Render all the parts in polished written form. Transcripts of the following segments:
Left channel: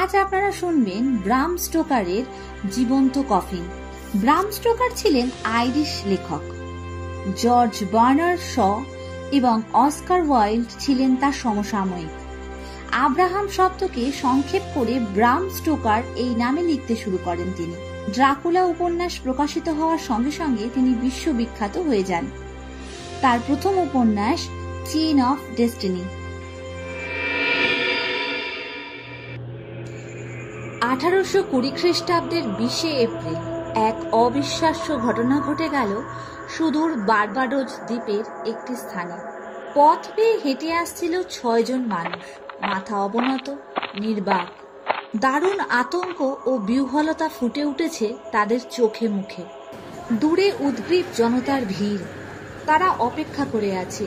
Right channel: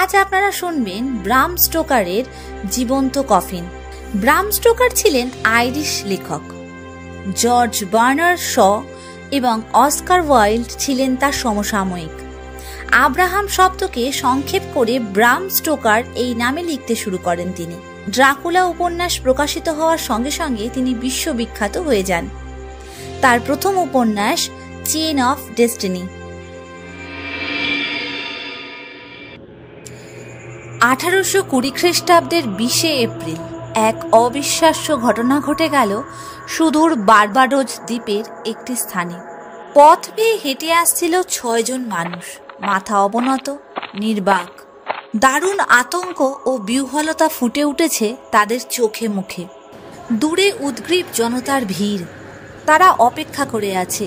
আজ আপনারা শুনবেন ব্রাম স্টোকারের জীবন্ত কফিন। ব্রাম স্টোকার ছিলেন আইরিশ লেখক। জর্জ বার্নার্ড শ এবং অস্কার ওয়াইল্ড ছিলেন তার সমসাময়িক। আব্রাহাম শব্দকে সংক্ষেপ করে ব্রাম স্টোকার এই নামে লিখতে শুরু করেন তিনি। ড্রাকুলা উপন্যাস প্রকাশিত হওয়ার সঙ্গে সঙ্গে তিনি বিশ্ববিখ্যাত হয়ে যান। তার প্রথম উপন্যাস চেইন অফ ডেস্টিনি। 1820 খ্রিস্টাব্দের 20 এপ্রিল এক অবিশ্বাস্য ঘটনা ঘটে গেল সুদূর বার্বাডোজ দ্বীপের একটি স্থানে। পথ বেয়ে হেঁটে আসছিল 6 জন মানুষ, মাথা অবনত, নির্বাক। দারুণ আতঙ্ক ও বিহ্বলতা ফুটে উঠেছে তাদের চোখে মুখে। দূরে উদ্গ্রীব জনতার ভিড়, তারা অপেক্ষা করে আছে।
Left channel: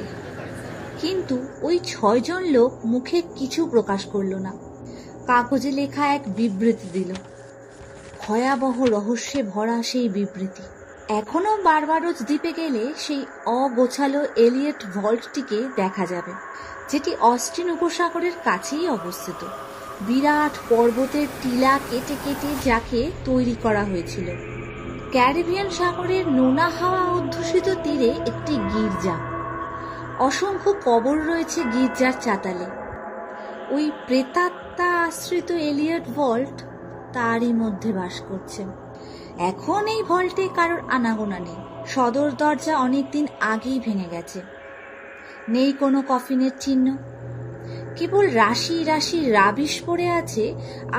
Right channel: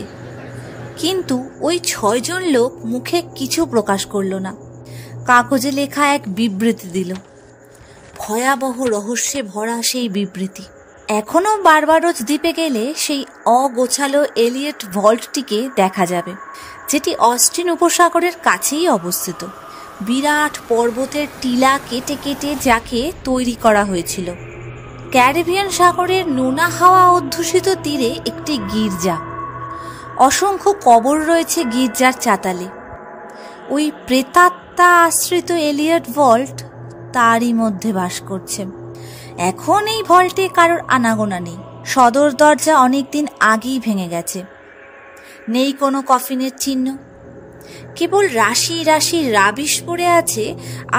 কিন্তু ওই 6 জন লোক মুখে কিছু প্রকাশ করল না। কাগজে লেখা এক বিবৃতি দিল, ভয়াবহ রহস্যে ভরা সেই বিবৃতি। এখনো বার্বাডোজ দ্বীপে গেলে সেই অগোছালো এলিয়ট ভল্টটিকে দেখা যাবে, যেটি অস্টিন উপসাগরের কাছেই অবস্থিত। বিরাট পর্বতের টিলা কেটে কেটে যাকে তৈরি করা হয়েছিল। ক্যারিবিয়ান সাগরের নোনা হাওয়া অধ্যুষিত তীরে একটি গির্জা। অসংখ্য কবর রয়েছে গির্জার চাতালে। ওই প্রেতাত্মা আশ্রিত এলিয়ট ভল্ট তারই মধ্যে বাস করছে। এখন এই ভল্টে কারোর আনাগোনা নেই। সদর দরজা অনেকদিন আগেই ভেঙে গেছে। নেই কোনো কফিনের চিহ্ন, কেবল রাশি রাশি রাবিশ পড়ে আছে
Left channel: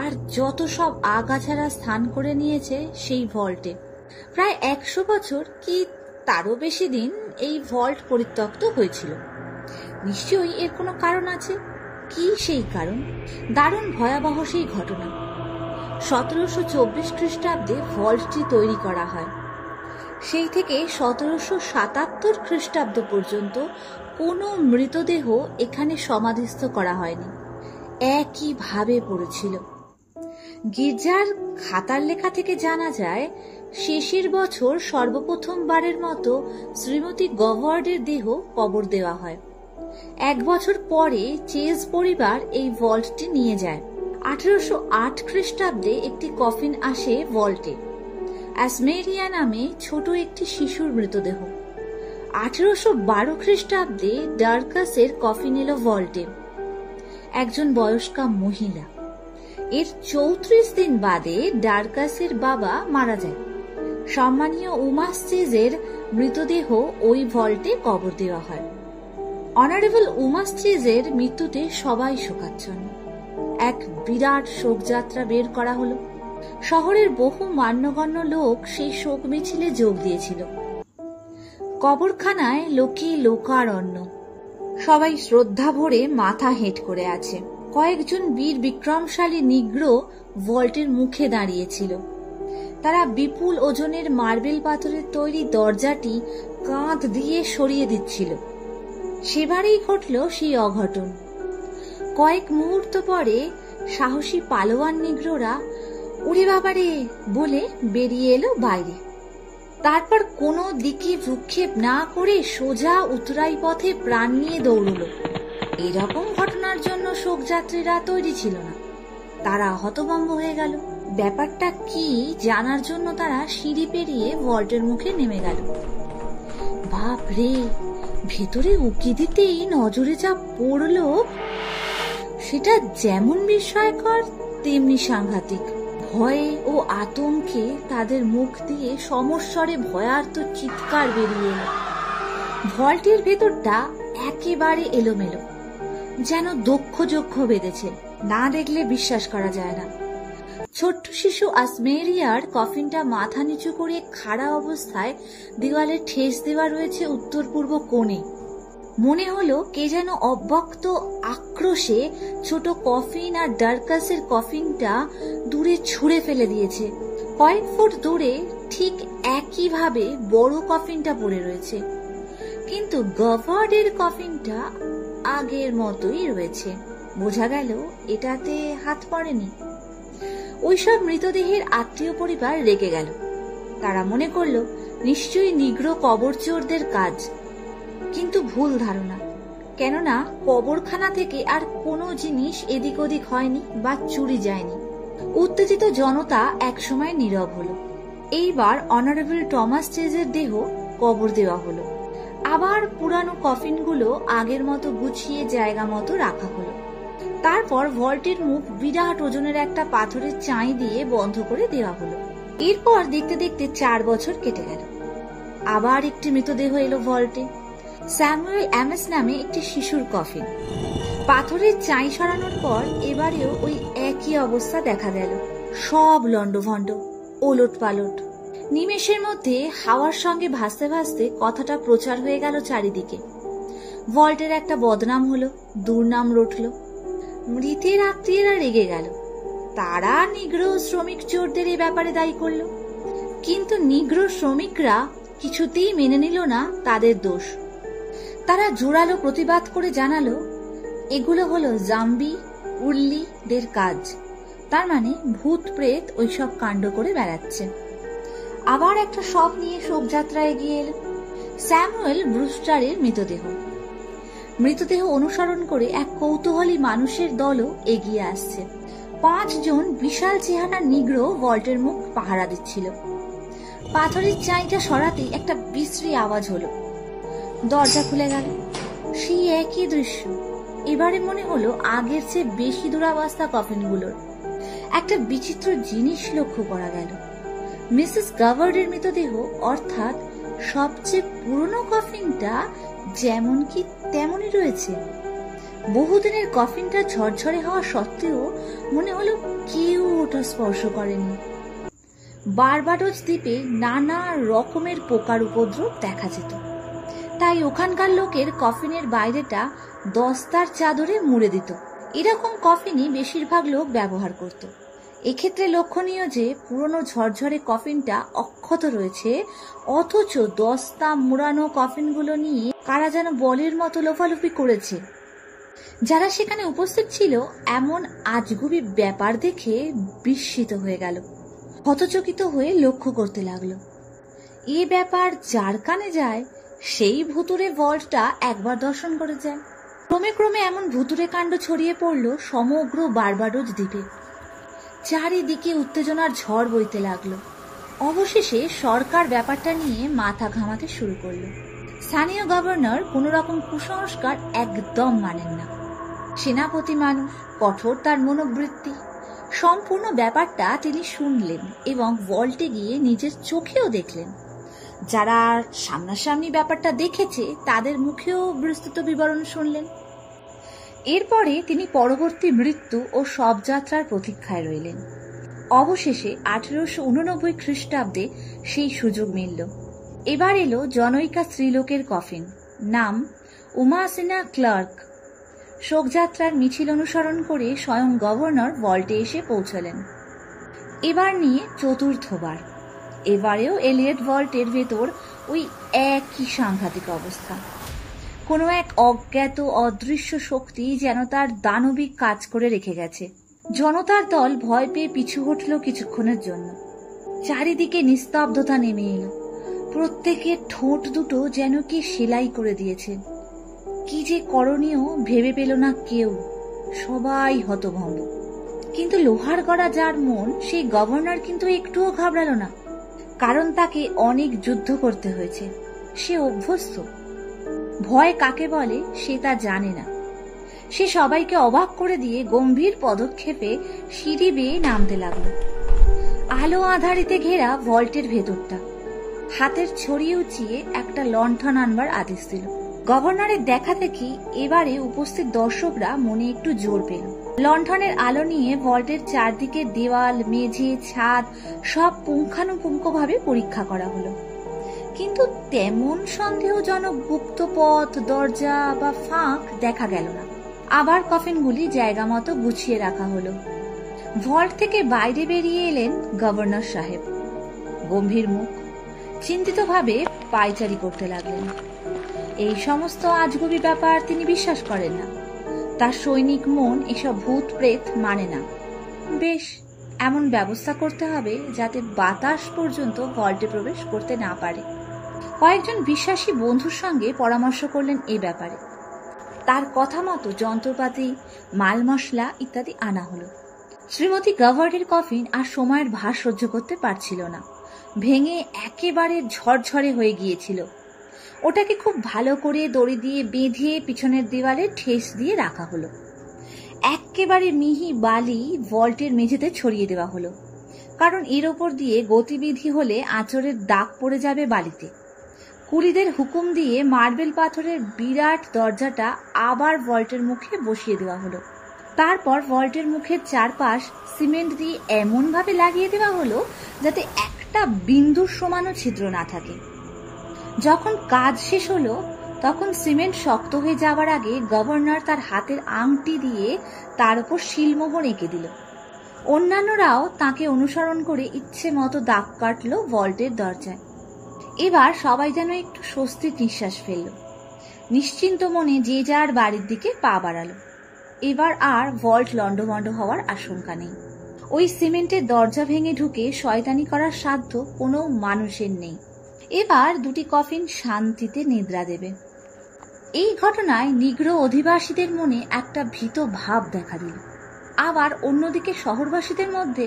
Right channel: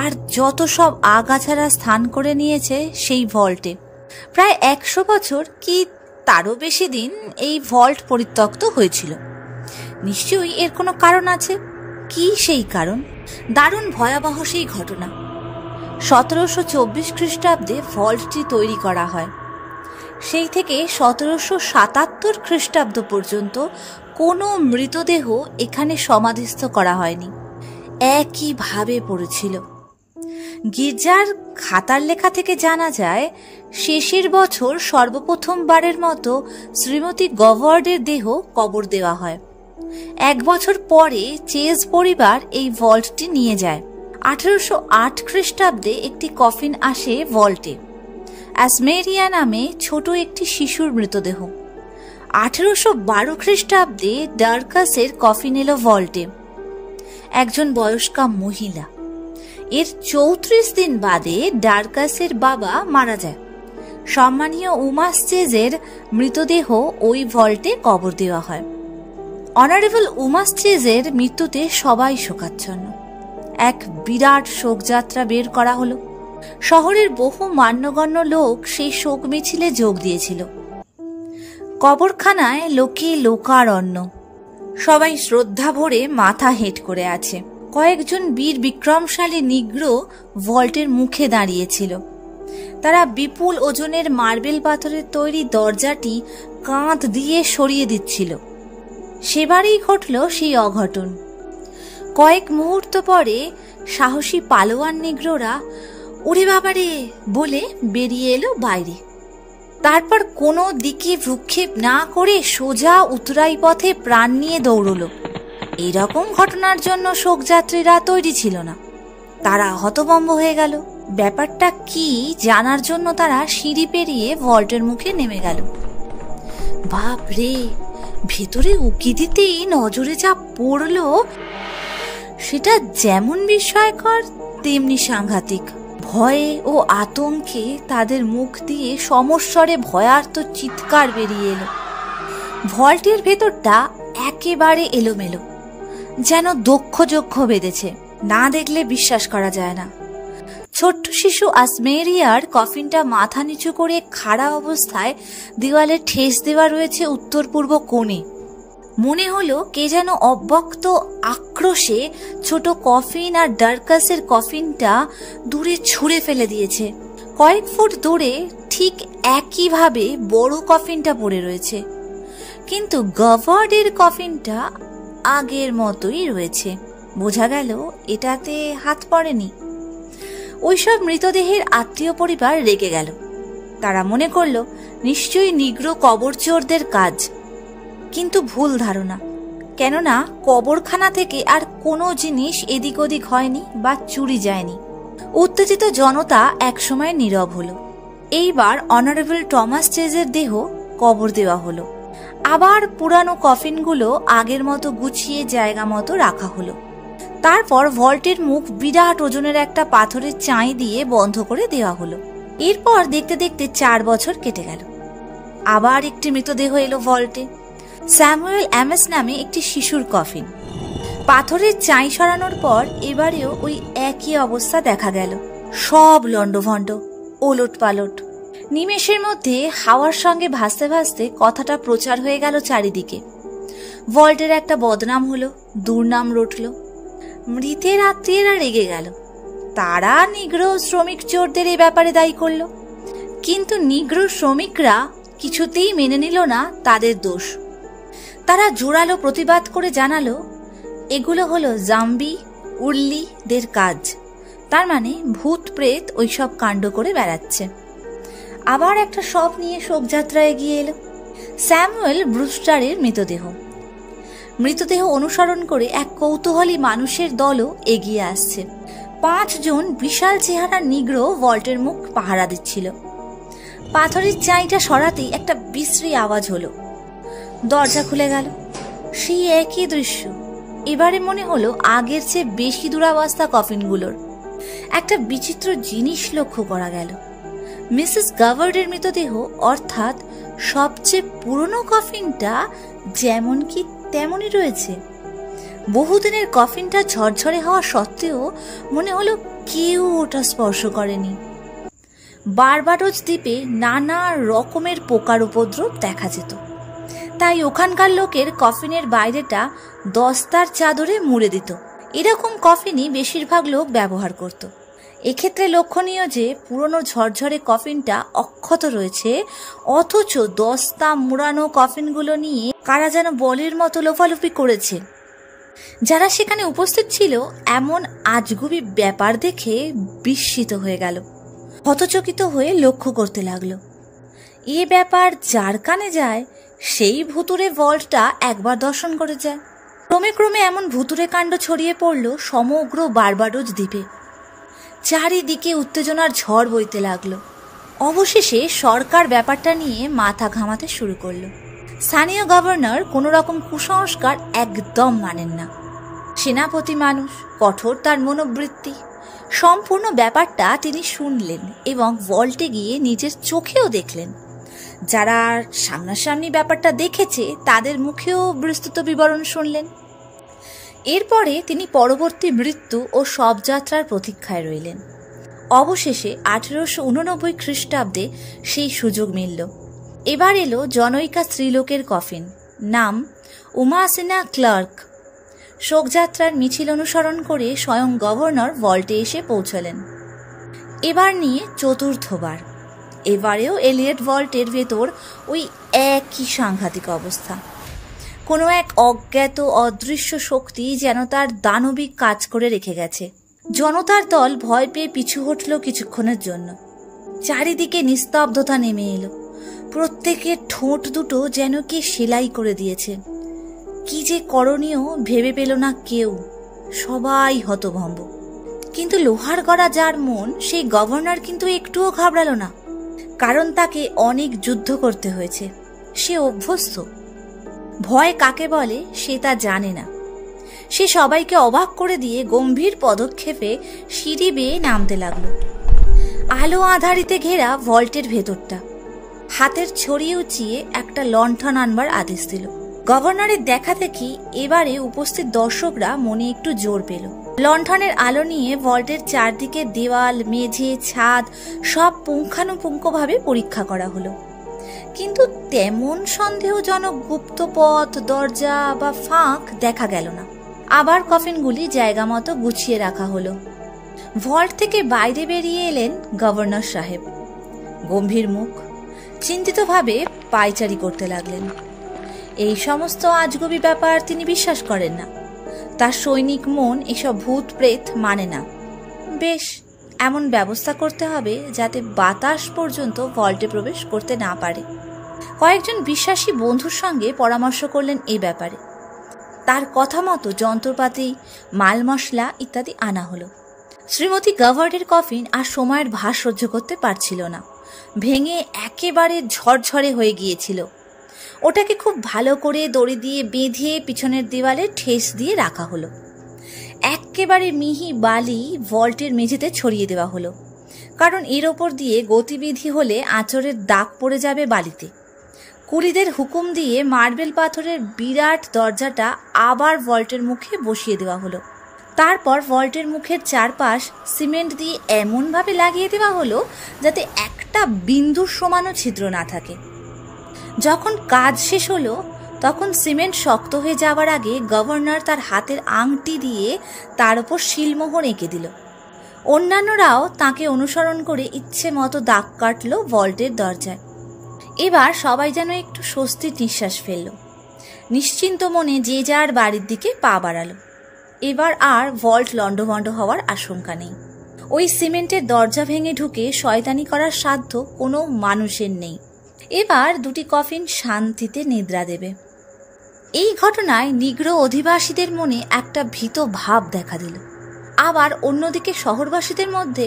আর যত সব আগাছাড়া স্থান করে নিয়েছে সেই ভল্টে। প্রায় 100 বছর কি তারও বেশি দিন এই ভল্ট পরিত্যক্ত হয়েছিল। নিশ্চয়ই এর কোনো কারণ আছে। কি সেই কারণ? দারুণ ভয়াবহ সেই ঘটনা। 1724 খ্রিস্টাব্দে ভল্টটি তৈরি করা হয়। সেই থেকে 1777 খ্রিস্টাব্দ পর্যন্ত কোনো মৃতদেহ এখানে সমাধিস্থ করা হয়নি, একইভাবে পড়েছিল। গির্জার খাতার লেখা থেকে জানা যায়, শেষের বছর সর্বপ্রথমবারের মতো শ্রীমতী গভার্ডের দেহ কবর দেওয়া হয়। 1 বছর পরে চেজ পরিবার এই ভল্টটি নিয়ে যায়। 1808 খ্রিস্টাব্দে একটি কফিন আসে ভল্টে, অ্যাসমেরিয়া নামে ছোট একটি শিশুর মৃতদেহ। 1812 খ্রিস্টাব্দে ডার্কাসের কফিন এলো ভল্টে, একজন বয়স্কা মহিলা। এর 34 দিন বাদে ডার্কাসের বাবা মারা যায়। সম্মানীয় উমাস চেজের মৃতদেহ ওই ভল্টে কবর দেওয়া হয়। অনারেবল উমাস চেজের মৃত্যুতে সবাই শোকাচ্ছন্ন। এক বিরাট শোকযাত্রা বের করা হলো। শহরের বহু মান্যগণ্য লোক সেই শোক মিছিলে যোগ দিয়েছিল। কবরখানায় লোকে লোকারণ্য। সবাই শ্রদ্ধা ভরে মাথা হেঁট করে আছে। কয়েকজন বীর বিক্রমশালী নিগ্র ভল্টের মুখে দাঁড়িয়েছিল। তারা বিপুল ওজনের মার্বেল পাথরের তৈরি দরজাটি কাঁধ দিয়ে সরিয়ে দিচ্ছিল। সেবারেই ঘটল সেই অঘটন। কয়েক মুহূর্ত পরে সাহসী পালোয়ান নিগ্রোরা ওরে বাবারে বলে বেরিয়ে এলো বাইরে। তারপর কোনো দিকে ভ্রুক্ষেপ না করে সোজা উতরাই পথে প্রাণ নিয়ে দৌড়ল। এরকম ঘটনার জন্য শোকযাত্রীরা তৈরি ছিল না। তারা হতভম্ব হয়ে গেল। ব্যাপারটা কি জানার জন্য তারা সিঁড়ি পেরিয়ে ভল্টের মুখে নেমে গেল। বাপ রে, ভেতরে উকি দিতেই নজরে যা পড়ল সেটা যেমন বিস্ময়কর তেমনি সাংঘাতিক। ভয়ে ও আতঙ্কে তাদের মুখ দিয়ে সমস্বরে ভয়ার্ত চিৎকার বেরিয়ে এলো। ভল্টের ভেতরটা একেবারে এলোমেলো, যেন দক্ষ বেঁধেছে। না দেখলে বিশ্বাস করা যায় না। ছোট্ট শিশু আসমেরিয়ার কফিনটা মাথা নিচু করে খাড়া অবস্থায় দেওয়ালে ঠেস দেওয়া রয়েছে উত্তর পূর্ব কোণে। মনে হলো কে যেন অব্যক্ত আক্রোশে ছোট কফিন আর ডার্কাসের কফিনটা দূরে ছুঁড়ে ফেলে দিয়েছে। কয়েক ফুট দূরে ঠিক একইভাবে বড় কফিনটা পড়ে রয়েছে, কিন্তু গভার্ডের কফিনটা আগের মতোই রয়েছে। বোঝা গেল এটাতে হাত পড়েনি। ওইসব মৃতদেহের আত্মীয় পরিবার রেগে গেল। তারা মনে করলো নিশ্চয়ই নিগ্র কবরচোরদের কাজ। কিন্তু ভুল ধারণা, কেননা কবরখানা থেকে আর কোনো জিনিস এদিক ওদিক হয়নি বা চুরি যায়নি। উত্তেজিত জনতা একসময় নীরব হলো। এইবার অনারেবল টমাস চেজের দেহ কবর দেওয়া হলো। আবার পুরানো কফিনগুলো আগের মতো গুছিয়ে জায়গা মতো রাখা হলো। তারপর ভল্টের মুখ বিরাট ওজনের একটা পাথরের চাই দিয়ে বন্ধ করে দেওয়া হলো। এরপর দেখতে দেখতে 4 বছর কেটে গেল। আবার একটি মৃতদেহ এলো ভল্টে। স্যামুয়েল অ্যামেস নামে একটি শিশুর কফিন। পাথরের চাই সরানোর পর এবারেও ওই একই অবস্থা দেখা গেল। সব লন্ডভন্ড, ওলট পালট। নিমেষের মধ্যে হাওয়ার সঙ্গে ভাসতে ভাসতে কথাটা প্রচার হয়ে গেল চারিদিকে। ভল্টের একটা বদনাম হলো, দুর্নাম রটল। মৃতের আত্মীয়রা রেগে গেল। তারা নিগ্রো শ্রমিক চোরদের এ ব্যাপারে দায়ী করল। কিন্তু নিগ্রো শ্রমিকরা কিছুতেই মেনে নিল না তাদের দোষ। তারা জোরালো প্রতিবাদ করে জানালো এগুলো হলো জাম্বি উর্লিদের কাজ, তার মানে ভূত প্রেত ওইসব কাণ্ড করে বেড়াচ্ছে। আবার একটা শব নিয়ে শোকযাত্রা এগিয়ে এলো। স্যামুয়েল ব্রুস্টারের মৃতদেহ অনুসরণ করে এক কৌতূহলী মানুষের দলও এগিয়ে আসছে। 5 জন বিশাল চেহারা নিগ্রো ভল্টের মুখ পাহারা দিচ্ছিল। পাথরের চাইটা সরাতেই একটা বিশ্রী আওয়াজ হলো। দরজা খুলে গেল। সেই একই দৃশ্য। এবারে মনে হলো আগের চেয়ে বেশি দুরাবস্থা কফিনগুলোর। একটা বিচিত্র জিনিস লক্ষ্য করা গেল। মিসেস গাভার্ডের মৃতদেহ, অর্থাৎ সবচেয়ে পুরনো কফিনটা যেমন কি তেমনই রয়েছে। বহুদিনের কফিনটা ঝরঝরে হওয়া সত্ত্বেও মনে হলো কেউ ওটা স্পর্শ করেনি। বারবাডোজ দ্বীপে নানা রকমের পোকার উপদ্রব দেখা যেত, তাই ওখানকার লোকের কফিনের বাইরেটা দস্তার চাদরে মুড়ে দিত। এরকম কফিনই বেশিরভাগ লোক ব্যবহার করত। এক্ষেত্রে লক্ষণীয় যে পুরনো ঝরঝরে কফিনটা অক্ষত রয়েছে, অথচ দস্তা মুড়ানো কফিনগুলো নিয়ে কারা যেন বলির মতো লোফালুফি করেছে। যারা সেখানে উপস্থিত ছিল এমন আজগুবি ব্যাপার দেখে বিস্মিত হয়ে গেল। হতচকিত হয়ে লক্ষ্য করতে লাগলো। এ ব্যাপার যার কানে যায় সেই ভুতুরে ভল্টটা একবার দর্শন করে যায়। ক্রমে ক্রমে এমন ভুতুরে কাণ্ড ছড়িয়ে পড়ল সমগ্র বারবাডোজ দ্বীপে। চারিদিকে উত্তেজনার ঝড় বইতে লাগলো। অবশেষে সরকার ব্যাপারটা নিয়ে মাথা ঘামাতে শুরু করলো। স্থানীয় গভর্নর কোনো রকম কুসংস্কার একদম মানেন না। সেনাপতি মানুষ, কঠোর তার মনোবৃত্তি। সম্পূর্ণ ব্যাপারটা তিনি শুনলেন এবং ভল্টে গিয়ে নিজের চোখেও দেখলেন। যারা সামনাসামনি ব্যাপারটা দেখেছে তাদের মুখেও বিস্তৃত বিবরণ শুনলেন। এরপরে তিনি পরবর্তী মৃত্যু ও শবযাত্রার প্রতীক্ষায় রইলেন। অবশেষে 1889 খ্রিস্টাব্দে সেই সুযোগ মিলল। এবার এলো জনৈকা স্ত্রীলোকের কফিন, নাম উমাসিনা ক্লার্ক। শোকযাত্রার মিছিল অনুসরণ করে স্বয়ং গভর্নর ভল্টে এসে পৌঁছলেন। এবার নিয়ে চতুর্থবার। এবারেও এলিয়ট ভল্টের ভেতর ওই একই সাংঘাতিক অবস্থা। কোনো এক অজ্ঞাত অদৃশ্য শক্তি যেন তার দানবিক কাজ করে রেখে গেছে। জনতার দল ভয় পেয়ে পিছু হটল কিছুক্ষণের জন্য। চারিদিকে নিস্তব্ধতা নেমে এলো। প্রত্যেকের ঠোঁট দুটো যেন কে সেলাই করে দিয়েছে। কি যে করণীয় ভেবে পেল না কেউ। সবাই হতভম্ব। কিন্তু লোহার গড়া যার মন, সেই গভর্নর কিন্তু একটুও ঘাবড়ালো না। কারণ তাকে অনেক যুদ্ধ করতে হয়েছে। সে অভ্যস্ত। ভয় কাকে বলে সে তা জানে না। সে সবাইকে অবাক করে দিয়ে গম্ভীর পদক্ষেপে সিঁড়ি বেয়ে নামতে লাগলো। আলো আধারিতে ঘেরা ভল্টের ভেতরটা। হাতের ছড়িয়ে উঁচিয়ে একটা লণ্ঠন আনবার আদেশ দিল। গভর্নরের দেখা দেখি এবারে উপস্থিত দর্শকরা মনে একটু জোর পেল। লণ্ঠনের আলো নিয়ে ভল্টের চারদিকে দেওয়াল, মেঝে, ছাদ সব পুঙ্খানুপুঙ্খভাবে পরীক্ষা করা হলো। কিন্তু তেমন সন্দেহজনক গুপ্ত পথ, দরজা বা ফাঁক দেখা গেল না। আবার কফিনগুলি জায়গা মতো গুছিয়ে রাখা হলো। ভল্ট থেকে বাইরে বেরিয়ে এলেন গভর্নর সাহেব। গম্ভীর মুখ, চিন্তিতভাবে পায়চারি করতে লাগলেন। এই সমস্ত আজগুবি ব্যাপার তিনি বিশ্বাস করেন না। তার সৈনিক মন এসব ভূত প্রেত মানে না। বেশ, এমন ব্যবস্থা করতে হবে যাতে বাতাস পর্যন্ত ভল্টে প্রবেশ করতে না পারে। কয়েকজন বিশ্বাসী বন্ধুর সঙ্গে পরামর্শ করলেন এ ব্যাপারে। তার কথা মতো যন্ত্রপাতি, মাল মশলা ইত্যাদি আনা হলো। শ্রীমতী গাভার্ডের কফিন আর সময়ের ভার সহ্য করতে পারছিল না, ভেঙে একেবারে ঝরঝরে হয়ে গিয়েছিল। ওটাকে খুব ভালো করে দড়ি দিয়ে বেঁধে পিছনের দেওয়ালে ঠেস দিয়ে রাখা হলো। একেবারে মিহি বালি ভল্টের মেঝেতে ছড়িয়ে দেওয়া হলো, কারণ এর ওপর দিয়ে গতিবিধি হলে আঁচড়ের দাগ পড়ে যাবে বালিতে। কুলিদের হুকুম দিয়ে মার্বেল পাথরের বিরাট দরজাটা আবার ভল্টের মুখে বসিয়ে দেওয়া হলো। তারপর ভল্টের মুখের চারপাশ সিমেন্ট দিয়ে এমনভাবে লাগিয়ে দেওয়া হলো যাতে একটা বিন্দুর সমানও ছিদ্র না থাকে। যখন কাজ শেষ হলো তখন সিমেন্ট শক্ত হয়ে যাওয়ার আগে গভর্নর তার হাতের আংটি দিয়ে তার উপর শিলমোহর এঁকে দিল। অন্যান্যরাও তাকে অনুসরণ করে ইচ্ছে মতো দাগ কাটল ভল্টের দরজায়। এবার সবাই যেন একটু স্বস্তির নিঃশ্বাস ফেলল। নিশ্চিন্ত মনে যে যার বাড়ির দিকে পা বাড়ালো। এবার আর ভল্ট লণ্ডভণ্ড হওয়ার আশঙ্কা নেই। ওই সিমেন্টের দরজা ভেঙে ঢুকে শয়তানি করার সাধ্য কোনো মানুষের নেই। এবার দুটি কফিন শান্তিতে নিদ্রা দেবে। এই ঘটনায় নিগ্রো অধিবাসীদের মনে একটা ভীত ভাব দেখা দিল। আবার অন্যদিকে শহরবাসীদের মধ্যে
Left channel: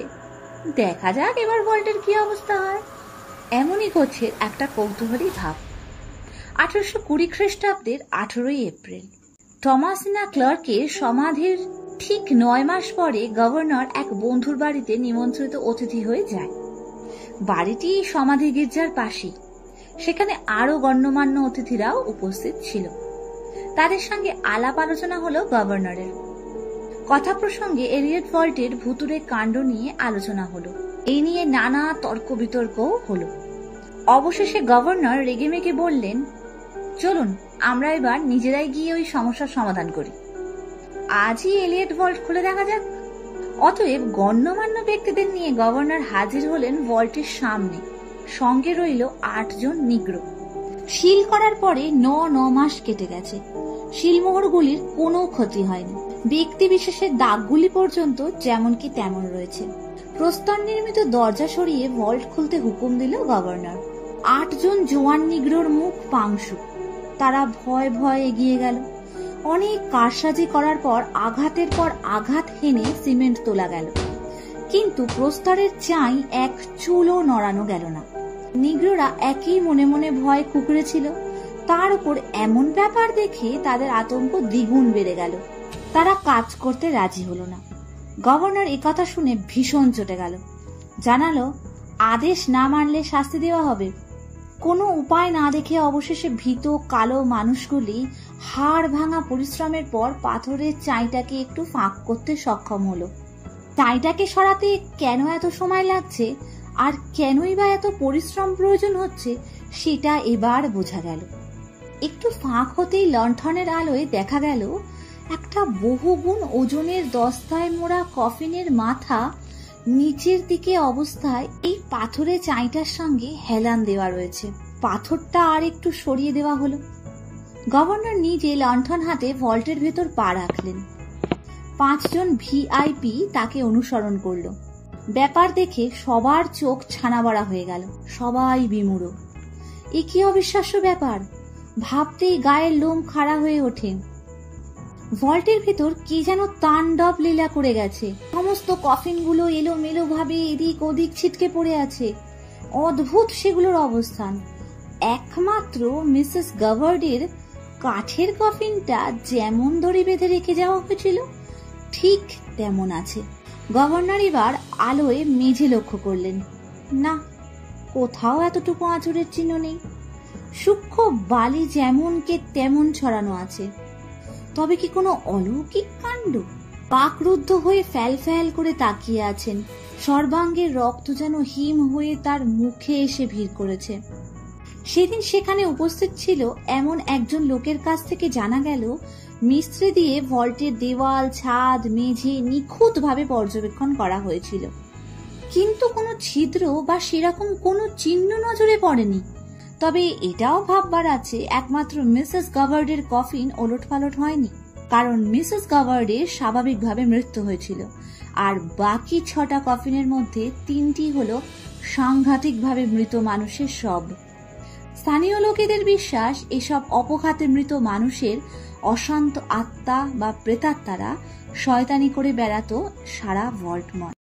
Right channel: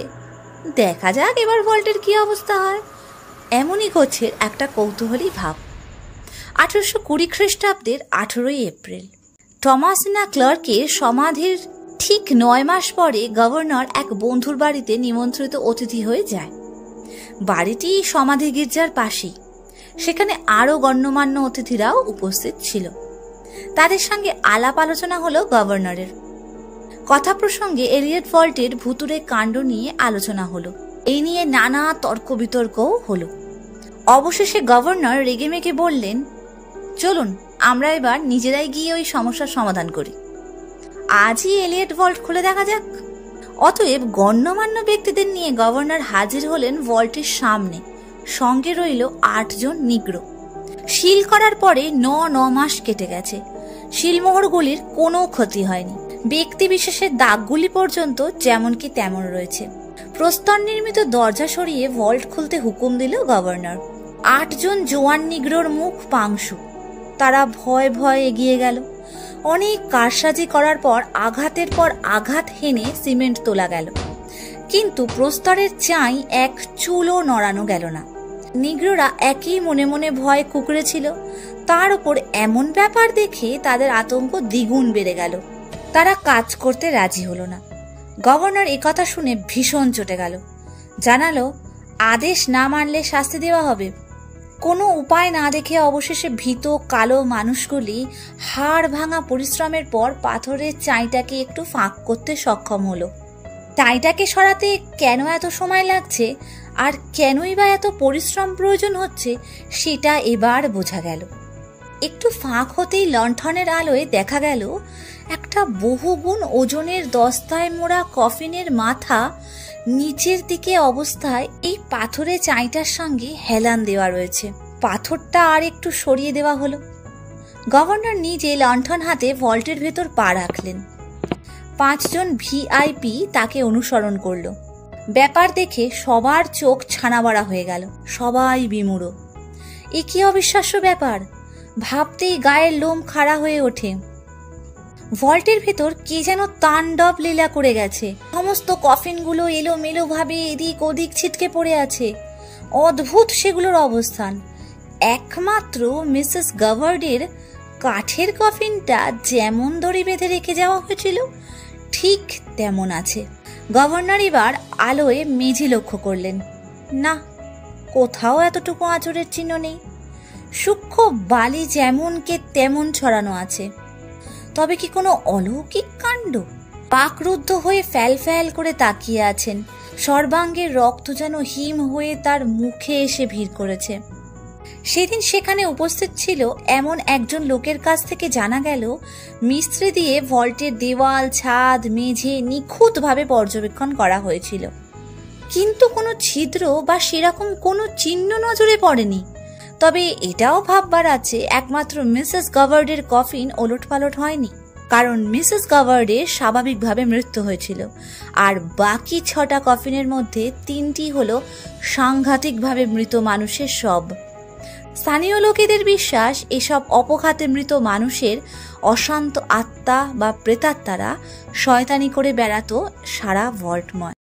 দেখা যাক এবার ভল্টের কি অবস্থা হয়, এমনই করছে একটা কৌতূহলী ভাব। 1820 খ্রিস্টাব্দের 18 এপ্রিল টমাসিনা ক্লার্কের সমাধির ঠিক 9 মাস পরে গভর্নর এক বন্ধুর বাড়িতে নিমন্ত্রিত অতিথি হয়ে যায়। বাড়িটি সমাধি গির্জার পাশেই। সেখানে আরও গণ্যমান্য অতিথিরাও উপস্থিত ছিল। তাদের সঙ্গে আলাপ আলোচনা হলো গভর্নরের। কথা প্রসঙ্গে এলিয়ট ভল্টের ভুতুড়ে কাণ্ড নিয়ে আলোচনা হলো। এই নিয়ে নানা তর্ক বিতর্কও হলো। অবশেষে গভর্নর রেগেমেগে বললেন, চলুন আমরা এবার নিজেরাই গিয়ে ওই সমস্যার সমাধান করি। আজই এলিয়ট ভল্ট খুলে দেখা যাক। অতএব গণ্যমান্য ব্যক্তিদের নিয়ে গভর্নর হাজির হলেন ভল্টের সামনে। সঙ্গে রইল 8 জন নিগ্রো। শিল করার পরে 9 মাস কেটে গেছে। শিলমোহরগুলির কোনো ক্ষতি হয়নি। ব্যক্তি বিশেষের দাগগুলি পর্যন্ত যেমন কি তেমন রয়েছে। প্রস্তর নির্মিত দরজা সরিয়ে ভল্ট খুলতে হুকুম দিল গভর্নর। 8 জন জোয়ান নিগ্রোর মুখ পাংশু। তারা ভয় ভয় এগিয়ে গেল। অনেক কারসাজি করার পর আঘাতের পর আঘাত হেনে সিমেন্ট তোলা গেল, কিন্তু প্রস্তরের চাই এক চুলও নড়ানো গেল না। নিগ্রোরা একই মনে মনে ভয় কুঁকড়েছিল। তার উপর এমন ব্যাপার দেখে তাদের আতঙ্ক দ্বিগুণ বেড়ে গেল। তারা কাজ করতে রাজি হলো না। গভর্নর একথা শুনে ভীষণ চটে গেল। জানালো, আদেশ না মানলে শাস্তি দেওয়া হবে। কোনো উপায় না দেখে অবশেষে ভীত কালো মানুষগুলি হাড় ভাঙা পরিশ্রমের পর পাথরের চাইটাকে একটু ফাঁক করতে সক্ষম হলো। চাইটাকে সরাতে কেন এত সময় লাগছে আর কেনই বা এত পরিশ্রম প্রয়োজন হচ্ছে সেটা এবার বোঝা গেল। একটু ফাঁক হতেই লণ্ঠনের আলোয় দেখা গেল একটা বহুগুণ ওজনের দস্তায় মোড়া কফিনের মাথা নিচের দিকে অবস্থায় এই পাথরের চাইটার সঙ্গে হেলান দেওয়া রয়েছে। পাথরটা আর একটু সরিয়ে দেওয়া হলো। গভর্নর নিজে লণ্ঠন হাতে ভল্টের ভেতর পা রাখলেন। 5 জন ভিআইপি তাকে অনুসরণ করল। ব্যাপার দেখে সবার চোখ ছানাবড়া হয়ে গেল। সবাই বিমূঢ়। এ কি অবিশ্বাস্য ব্যাপার! ভাবতেই গায়ের লোম খাড়া হয়ে ওঠে। ভল্টের ভেতর কে যেন তাণ্ডব লীলা করে গেছে। সমস্ত কফিনগুলো এলোমেলো ভাবে এদিক ওদিক ছিটকে পড়ে আছে। অদ্ভুত সেগুলোর অবস্থান। একমাত্র মিসেস গাভার্ডের কাঠের কফিনটা যেমন দড়ি বেঁধে রেখে যাওয়া হয়েছিল ঠিক তেমন আছে। গভর্নর এবার আলোয় মেঝে লক্ষ্য করলেন। না, কোথাও এতটুকু আঁচড়ের চিহ্ন নেই। সূক্ষ্ম বালি যেমন কে তেমন ছড়ানো আছে। তবে কি কোনো অলৌকিক কাণ্ড? পাকরুদ্ধ হয়ে ফ্যাল ফ্যাল করে তাকিয়ে আছেন। সর্বাঙ্গের রক্ত যেন হিম হয়ে তার মুখে এসে ভিড় করেছে। সেদিন সেখানে উপস্থিত ছিল এমন একজন লোকের কাছ থেকে জানা গেল মিস্ত্রি দিয়ে ভল্টের দেওয়াল, ছাদ, মেঝে নিখুঁতভাবে পর্যবেক্ষণ করা হয়েছিল, কিন্তু কোনো ছিদ্র বা সেরকম কোনো চিহ্ন নজরে পড়েনি। তবে এটাও ভাববার আছে, একমাত্র মিসেস গাভার্ডের কফিন ওলটপালট হয়নি, কারণ মিসেস গাভার্ডের স্বাভাবিকভাবে মৃত্যু হয়েছিল। আর বাকি 6টা কফিনের মধ্যে 3টি হলো সাংঘাতিকভাবে মৃত মানুষের শব। স্থানীয় লোকেদের বিশ্বাস এসব অপঘাতে মৃত মানুষের অশান্ত আত্মা বা প্রেতাত্মারা শয়তানি করে বেড়াতো সারা ভল্টময়।